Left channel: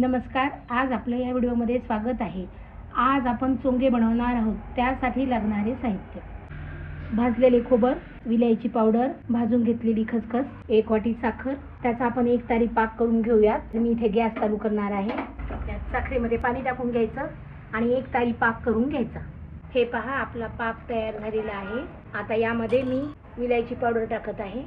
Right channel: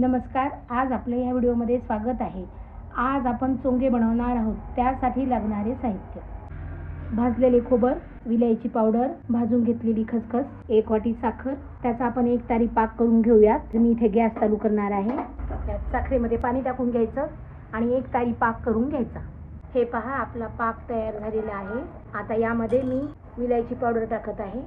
नमस्कार. आज आपल्या या व्हिडिओमध्ये स्वागत आहे. आज आपण चोंगे बनवणार आहोत. त्यासाठी लागणारे साहित्य: भाजलेले खोबर, विलायची पावडर, भाजून घेतलेली खसखस, 1 वाटी साखर. त्याचा आपण 1 तारी पाक करून घेऊयात. मी इथे गॅस चालू करणार आहे. त्यात साखरेमध्ये पाणी टाकून घ्यायचं आणि 1 तारी पाक करून घ्यायचा. हे पहा, आपला पाक तयार झालेला आहे. आता यामध्ये मी विलायची पावडर टाकत आहे,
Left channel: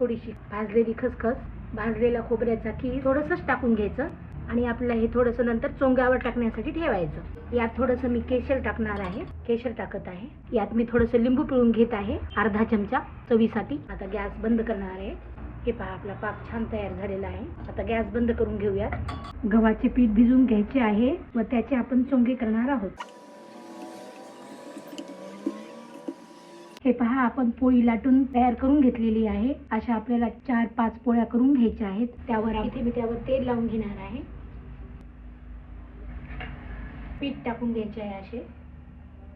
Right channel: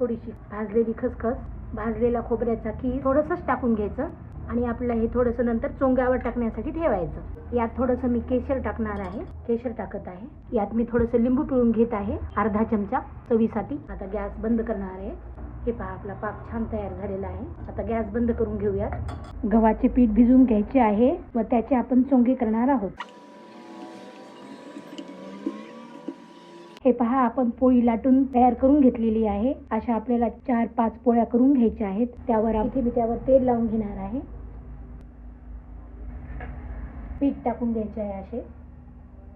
थोडीशी भाजलेली खसखस, भाजलेला खोबऱ्याचा कीस थोडंसंच टाकून घ्यायचं आणि आपलं हे थोडंसं नंतर चोंग्यावर टाकण्यासाठी ठेवायचं. यात थोडंसं मी केशर टाकणार आहे, केशर टाकत आहे. यात मी थोडंसं लिंबू पिळून घेत आहे, अर्धा चमचा चवीसाठी. आता गॅस बंद करणार आहे. हे पहा, आपला पाक छान तयार झालेला आहे. आता गॅस बंद करून घेऊयात. गव्हाचे पीठ भिजवून घ्यायचे आहे व त्याचे आपण चोंगे करणार आहोत. हे पहा, आपण पोळी लाटून तयार करून घेतलेली आहे. अशा आपल्याला 4-5 पोळ्या करून घ्यायच्या आहेत. इथे मी त्यावर तेल लावून घेणार आहे. पीठ टाकून घ्यायचे आहे असे.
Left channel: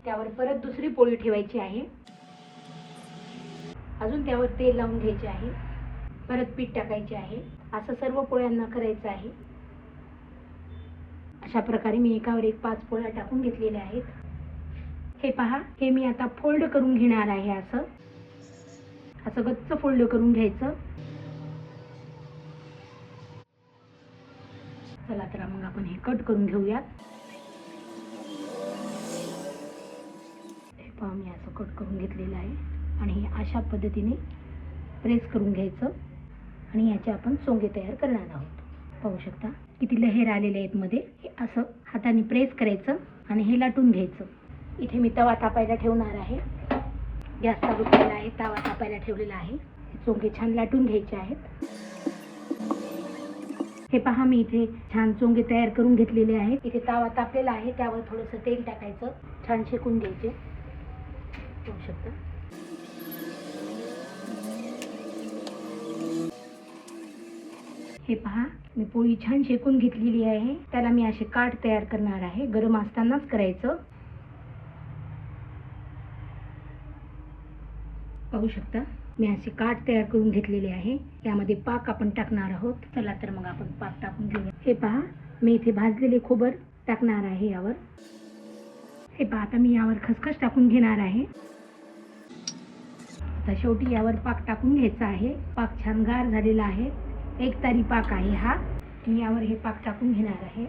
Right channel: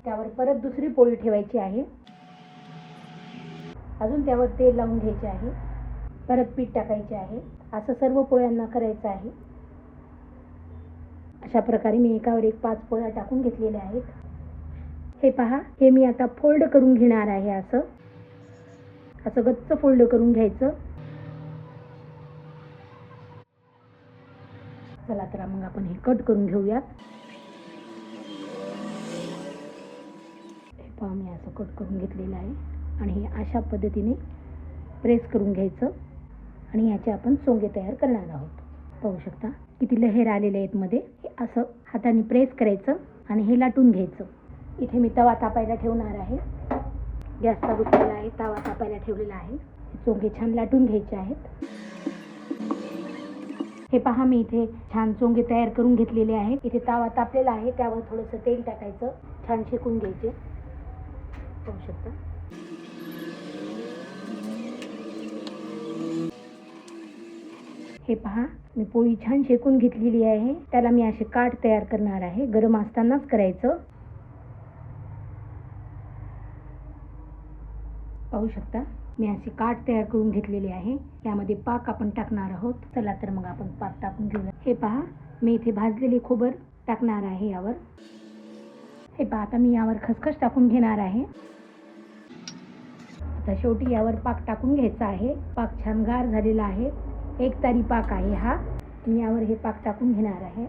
त्यावर परत दुसरी पोळी ठेवायची आहे. अजून त्यावर तेल लावून घ्यायचे आहे. परत पीठ टाकायचे आहे. असं सर्व पोळ्यांना करायचं आहे. अशा प्रकारे मी एकावर एक 5 पोळ्या टाकून घेतलेल्या आहेत. हे पहा, हे मी आता फोल्ड करून घेणार आहे. असं गच्च फोल्ड करून घ्यायचं. चला तर मग आपण हे कट करून घेऊयात. हे पहा, मी असं कट करून घेतलेलं आहे आणि हे अशा पद्धतीने प्रेस करून घ्यायचं आणि याचे आपण चोंगे तयार करणार आहोत. पाहू शकता किती लहेर आलेले आहेत मध्ये. हे असं हाताने प्रेस करायचं आणि हे लाटून घ्यायचं. इथे मी तवा तापायला ठेवणार आहे. गॅस चालू केलेला आहे, तवा तापायला ठेवलेला आहे. चोंगे छान लाटून घ्यायचे आहेत. हे पहा, मी इथे छान चोंगे तयार करून घेतलेले आहेत. इथे तवा तापलेला आहे, त्यावर थोडंसं तेल टाकायचं, छान शेकून घ्यायचे. पाहू शकता. हे पहा, मी पोळी छान शेकून घेतलेली आहे. त्याला मी असे काठ तयार करणार आहे. गरम असतानाच करायचं. पाहू शकता, मी असे काठ तयार करून घेतलेले आहे. त्यामध्ये पाक आपण टाकणार आहोत. चला तर मग आपण पाक टाकून घेऊया. हे पहा, मी इथे भाजलेले खोबर टाकणार आहे यावर. हे पहा, आता मी यावर खसखस टाकून घेणार आहे. आता शेवटी यावर पाक टाकून घ्यायचा आहे. पाक छान गार झालेला आहे. 1 तारी पाक आहे हा. मी यावर हे पाक टाकून घेणार आहे.